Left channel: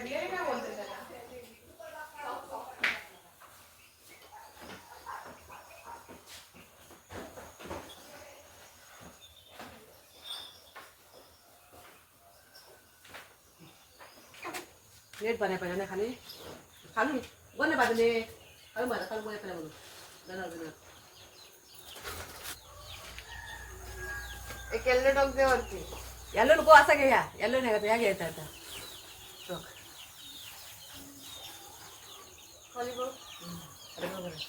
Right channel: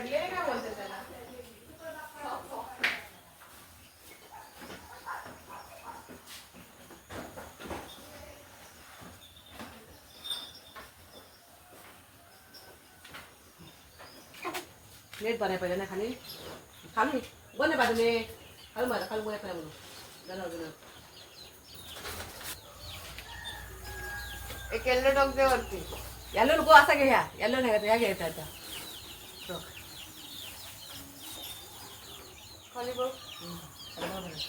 पडले काय बोलते त्याला? नीट बनाय पाहिजे ना खाली. खाली. बने बाजूने खाली मारा खाली बोला बोलू. जरा अजून. एक येल्लो डॉग दे वरती. यालो नको असा घे ह्या यालो नाही या घ्यायचा आता बघ. खाली बघ हम्म. अरे बरोबर आहे.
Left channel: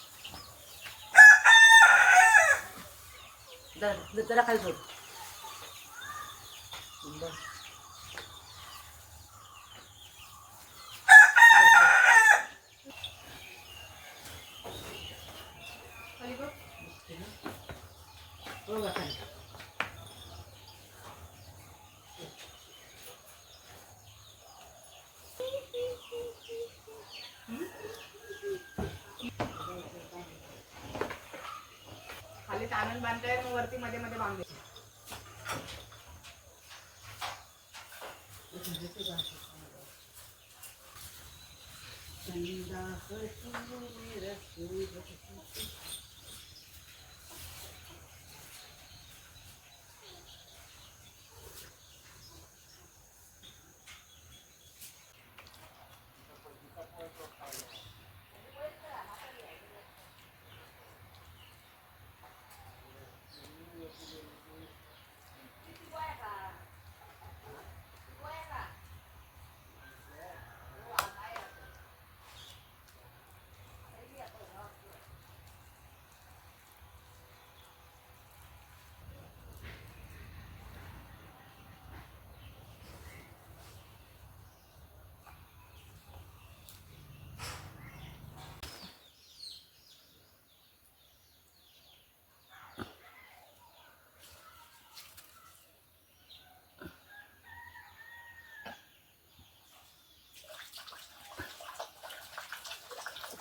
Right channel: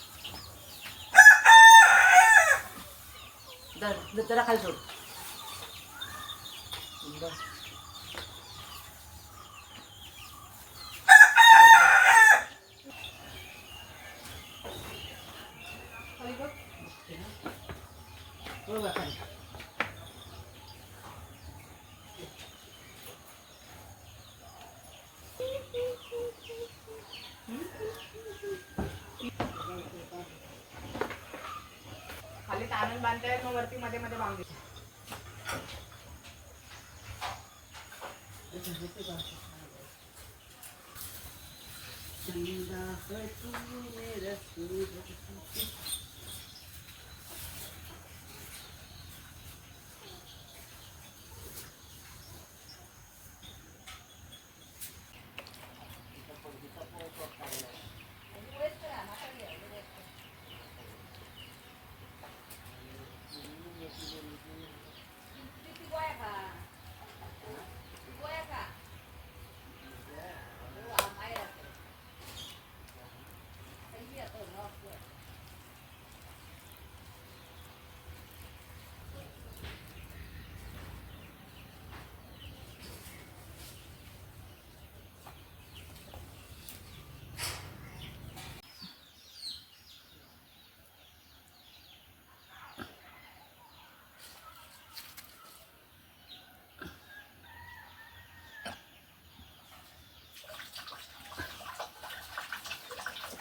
धर, धर, जरा खाली सोड बस. खाली बघ बरोबर पॅनल खाली बांधताय मग वरती मध्ये मध्ये बांधले कधी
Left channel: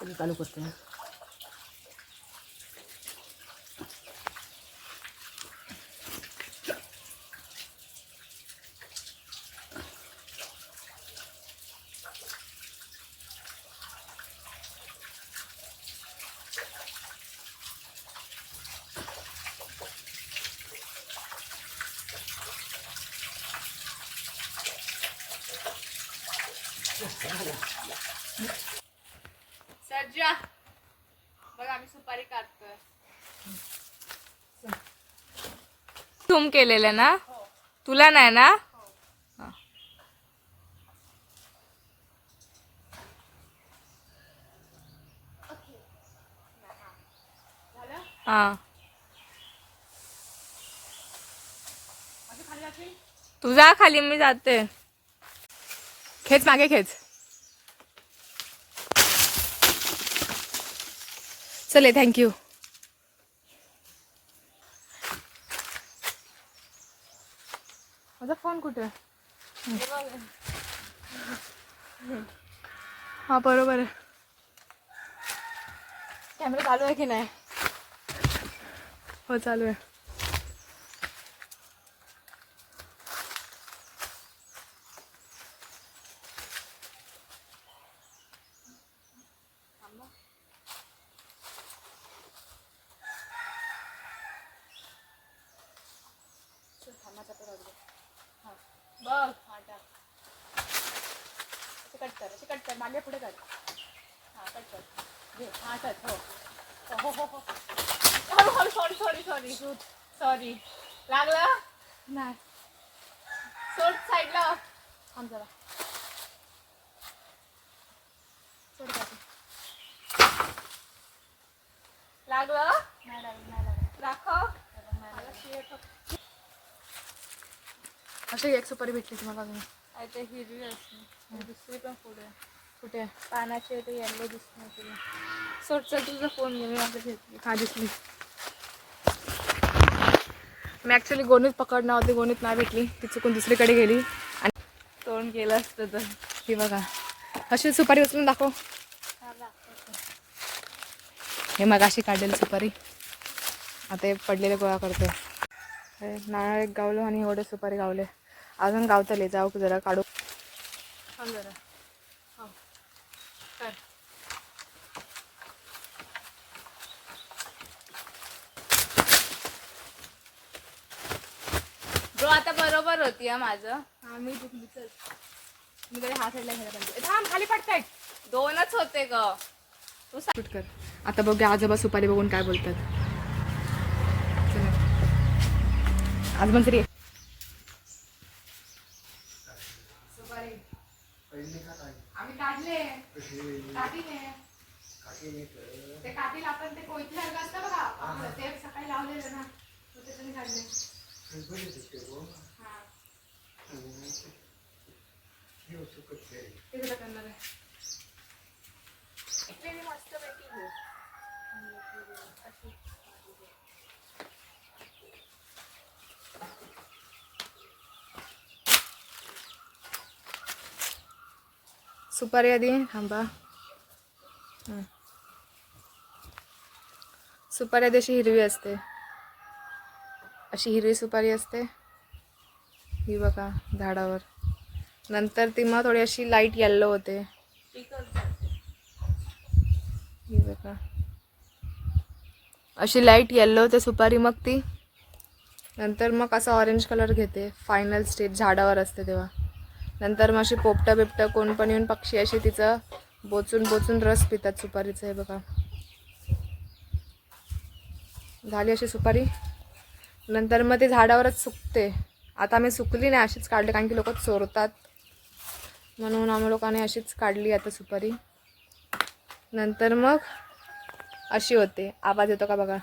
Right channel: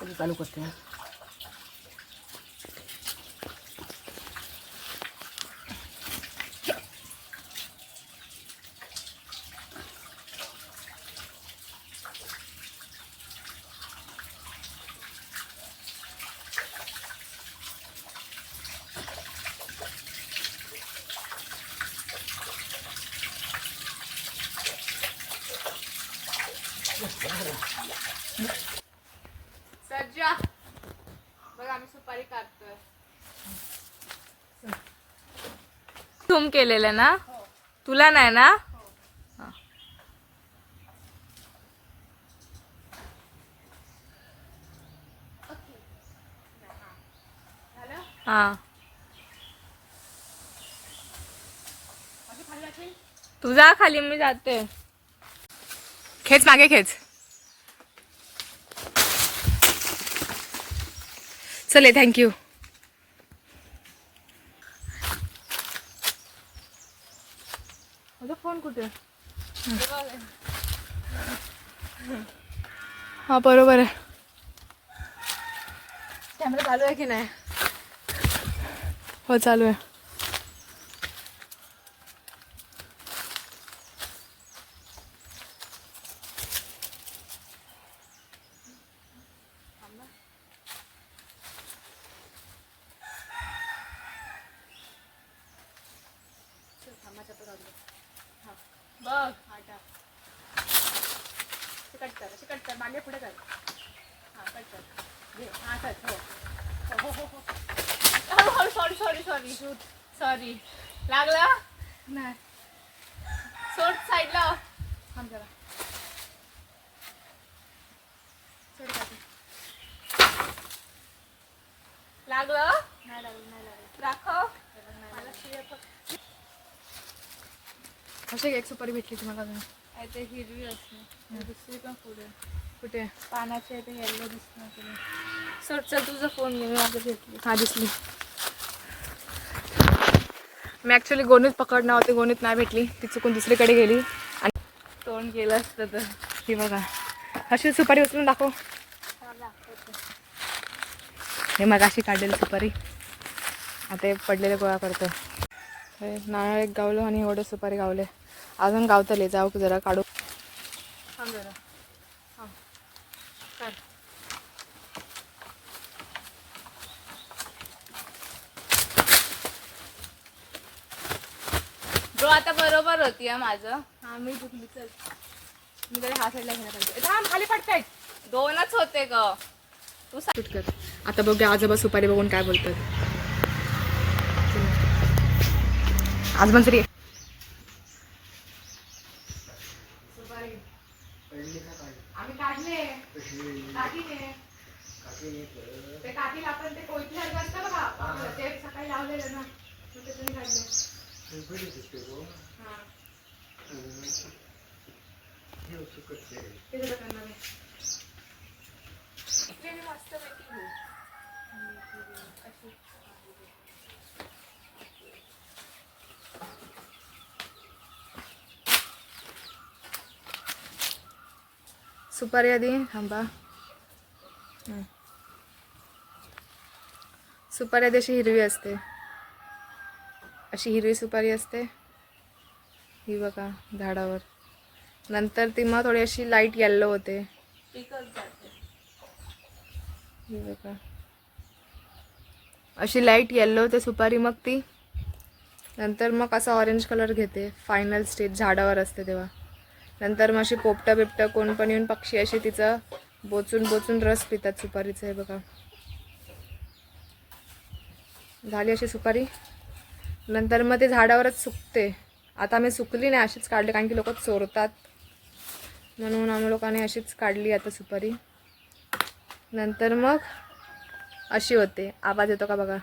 चालू करते सज्जा बघ आम्ही सुपारी काढतोय. झूम केलेलं ना? तुला नाही ना? हा. असं खाली जाशील? तू जा खाली मी जाते. खेच मागे खेच. चले थँक्यू माझा फोन कुठे हा बरोबर आहे. कॅमेरा चालू आहे की नाही? हो चालू आहे. बघ. हा टाक. असे कट कर असे कट कर. मागे पुढे कर. हा कट कर. घे. हा कट हो. हो हो हो sorry sorry sorry sorry sorry लागलं? नाही. सोड साईडला. थांब जरा. सोड काठी लागलं? नाही लागलं नाही लागलं. दाखव. मला शिव्या अशी एक सुपारी भेटली तुम्हाला अजून. आहे ते हिरवी असते. दुसरी पण पुढे कुठे? पानाची आहे ते येल्लो दिसत तुला. चल तुझा फोन घे मी माझं घेतली हा दिसली. मी ॲक्च्युली गोणीत पकडणार होते गोणीत नाही भेटली. ती चुकून दुसरीकडे गेली. आणि तोंड केलं असतं तर. ही बघा. अशी सुपारी उचलून दाखव. हे मग अशी काढलेली सुपारी. आता हे पडलेले गोळा करते नारळ एक गावलो आणि एवढे सुपारी गावले. अजून गावतले जाऊ जरा काढू. थांब जरा. कर. ब्रो आता बरोबर होती हा माझं. हा मी चुकली चल. मी कडे हा साईडला घ्यायला पाहिजे. थांब खाली पडतायत दोनच होते ग. तू सांग किटकॅट आता बघूया आजोबा सुपारी बघून काय बोलतात. आज पण तरी आम्ही काढले. काकीने ते काकीला आपण ते कोयती सारखं असतं बघा. ते सकाळी लावलेलं ना मग त्याच्याने काढले हा. ते करणार आहे सुपारी आधी थांबा. सुपारी आधी अशी हिरवी असते. अशी हिरवी सुपारी असते. ही बघा झाडावर. नंतर ती मग थोडी अशी लाइट येल्लो होते. ही बघा. अशी लाइट येल्लो होते सुपारी मग ती. नंतर मग असा ऑरेंज कलर घेते. फायनल स्टेज झाडावर असते तेव्हा. नंतर मग अशी पोपटं बिपटं कोण पण येऊन पक्षी अशी तिचं बोचून बोचून रस पितात सुपारीचं हे बघा. झाली अशी सुपारी. नंतर मग ते झाडावरच सुकते. आता आम्ही सुकली नाही अशीच काढली कारण की लोक चोरतात. म्हणून आम्ही लोकांनी अशीच काढली आता सुपारी. नंतर मग अशी होते. आवाज येतो का बघा?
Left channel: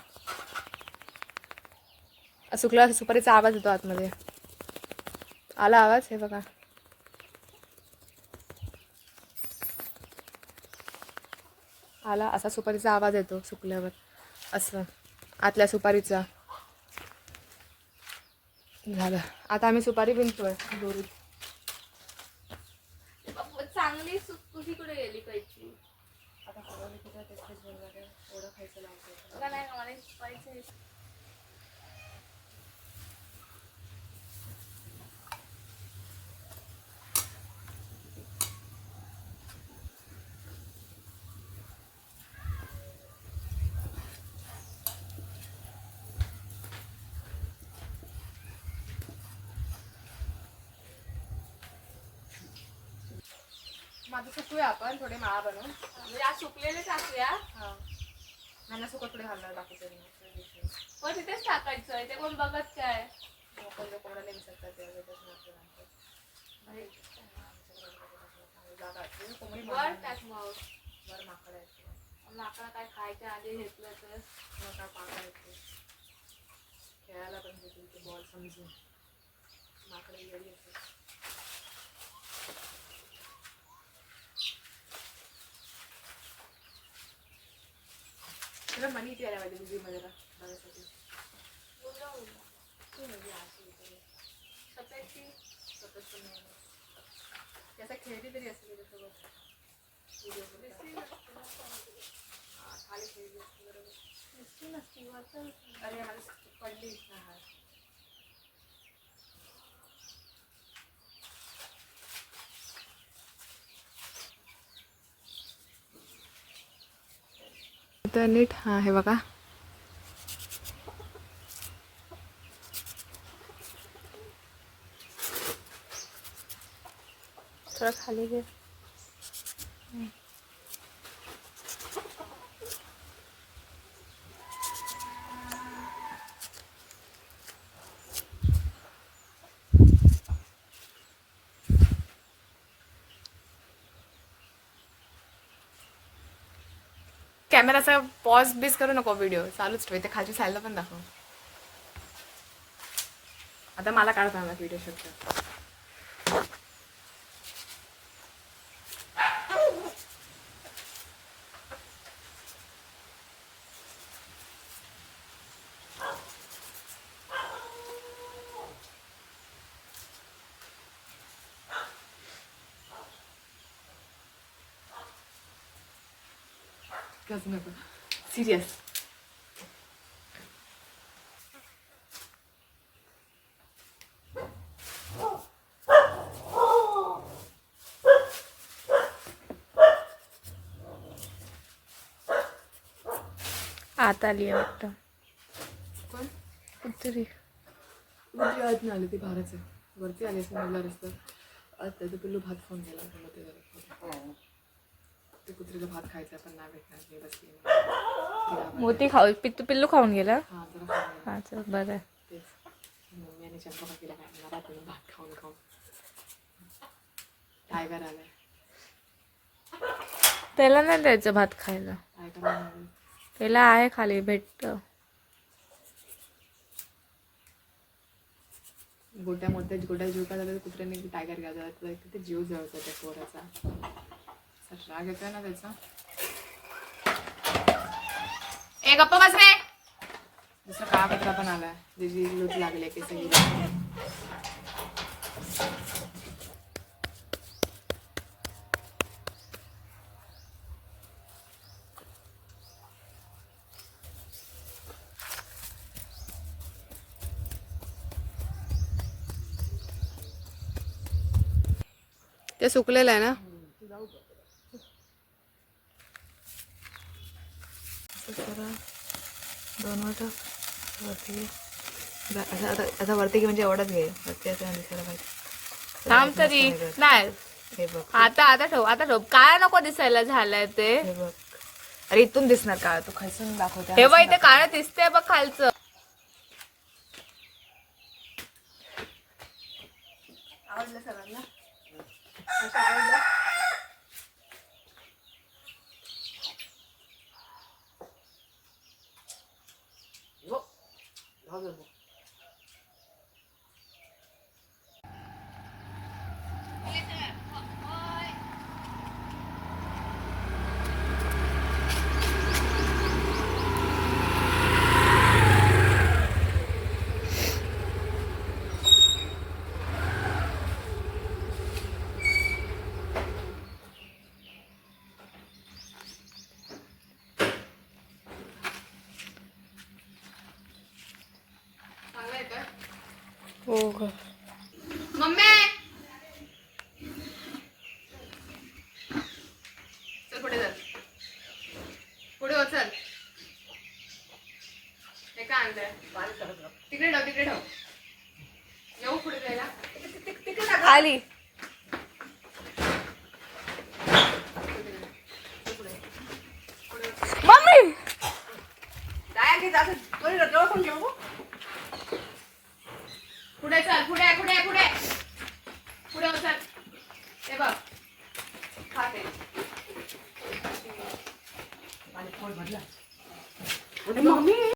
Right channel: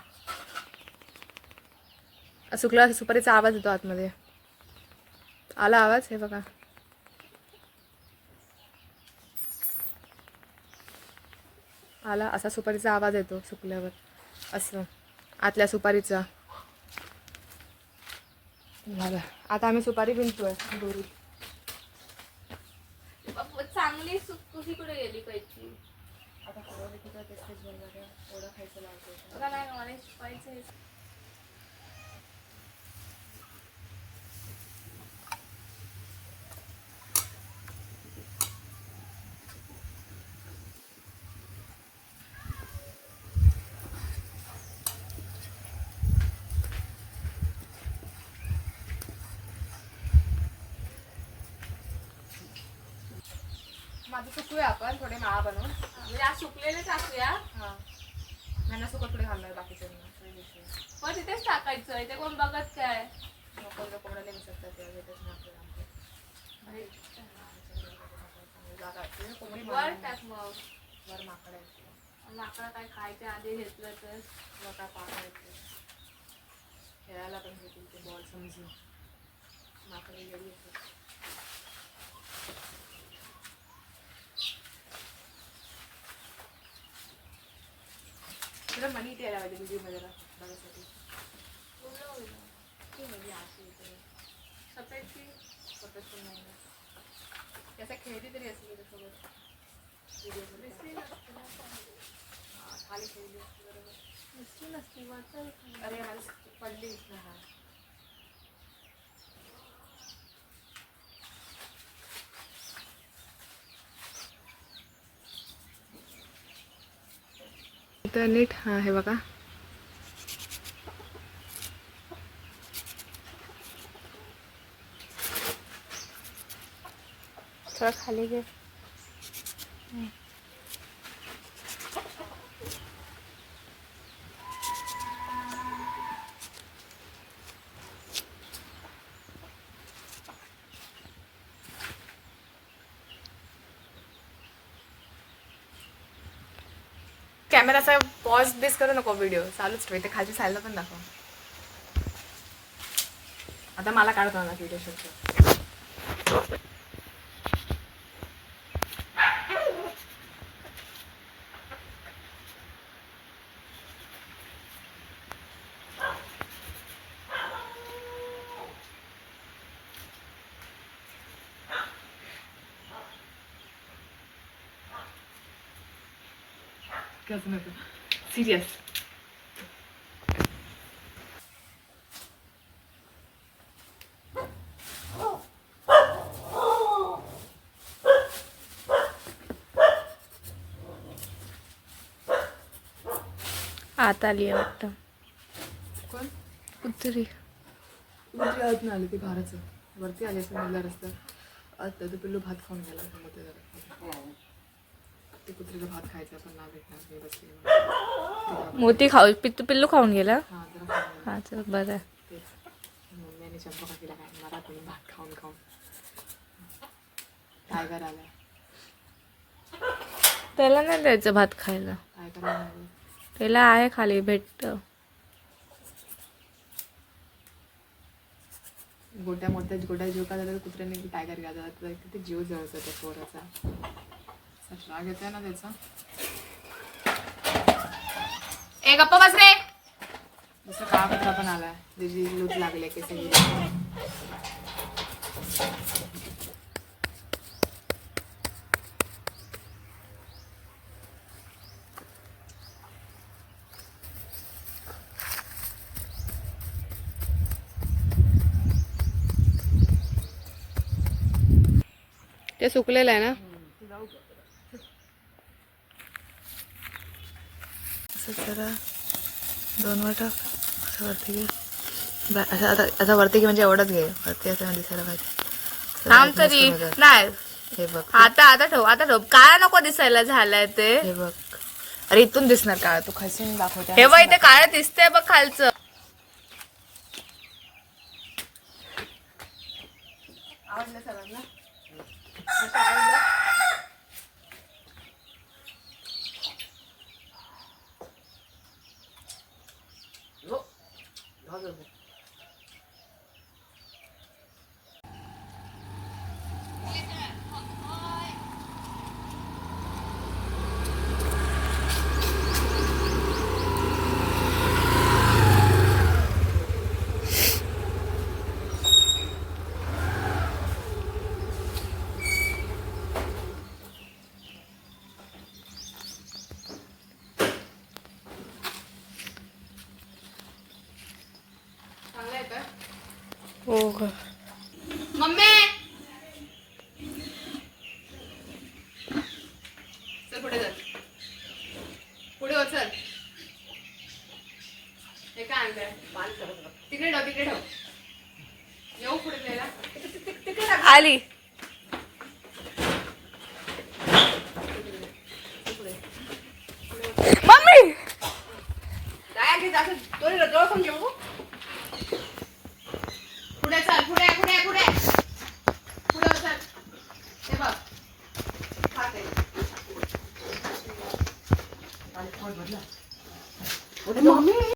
सुकला सुपारीचा आवाज येतो आतमध्ये. आला आवाज? हे बघा. आला असा सुपारीचा आवाज येतो सुकल्यावर. असं. आतल्या सुपारीचा. झालं. आता आम्ही सुपारी विणतोय बाप्पा, चांगली सुक तुझी कुठे गेली कैची आता ठरवलं की तर तेच तेच बनवायचं एवढं खायचं लावतो बघा नाही मला माझं सुकूया आपण थोडे माळा बनवून. म्हणजे आज सुकलेले टाकूया हां. त्यांना सुकत थोडे घालणार बाकीचे पण तिथेच टाकायचं ते कोण बघत काय? लोकल कोंबडा नाही विसरतात तेव्हा भेटत नाही आपल्याला जागा आहे. कोंबडी वर टाक मग. वर माकड आहे माकडा काय खायच्या आधी घेतलं तर. मग काय येते खेळायला पण घेतील ते बॉल समजून. माकडे येडी येते तुला मनी इथे यायला पाहिजे व्हिडिओमध्ये जरा बघायसाठी उघडं उघडं. ती म्हणजे अशी येते सफेदची सतत पण नाही ना त्याचा खेळती तरी असेल त्याच्यासोबत व्हिडिओमध्ये दिसली नसते ना पण. हा, खाली खेळली असते बरोबर दिसली नसती वरचा दिसली. अरे आज पडली ना हा तर नीट हां हे बघा. थोडं खाली घे. कॅमेराचा पॉज बेस करू नको व्हिडिओ चालूच ठेव. ते खालची साईडला पण दाखव. आता मला काढताना व्हिडिओ शूट इतकंच नको सिरियस आत आली आहे वाटतं कोण कुत्री कुत्री आत नाही आली ती बाहेरच आहे वरती आली असं म्हणला रस्त्यात आता तो पिल्लू भात खाऊन गेला मध्ये झालं ते कुत्रीला भात खायचा पण नाही भेटणार मी बसली. मोती खाऊ पित्तू पिल्लू खाऊन गेला? हा जरा. हा चल बरं आहे. तेच. मम्मी आणि चंपा काकीला काय म्हणणार तुम्ही भात खाऊन खाऊन. टायगर आलाय. त्याला नाही द्यायचं भात खायला. टायगर आलाय. त्याला आहे खाली भेटतं. गोट्या मोठ्या गोट्या जीव का तर कुत्र्याने टायगर घ्या जातात किती जीव जळतो त्या पोराचा. असा राग येतोय ना त्याचा ए गप्प बस रे दुसरा काळा कुत्रा पण आला त्याची लूट लागले की सगळी ते सुकलेलं आहे ना असं जरा दोन वाटा असं वरती घे. असं आता आता वरती घे म्हणजे एवढंच घे. वरती असं दिसायला पाहिजे थांब तरी. नाही. हे बघ. आता आता ठेव आता ठेव. काळा नको दिसायला झालाय ते? हे बघ. अरे इथून दिसणार काय तू खसून दाखवते. हे बघ इथे काळं दिसतंय बघ खालचं. आवडलं सगळ्यांना? असं आवडलं हो. जाऊ दे. हो ग मम्मी चल पुढे चल पुढे हो चल हे काय आणलंय तिकडे ठेव तिकडे ठेव. येऊ पुढे जायला. आली. मम्मी! काय घे जास्त दोन्ही जवळ घेऊ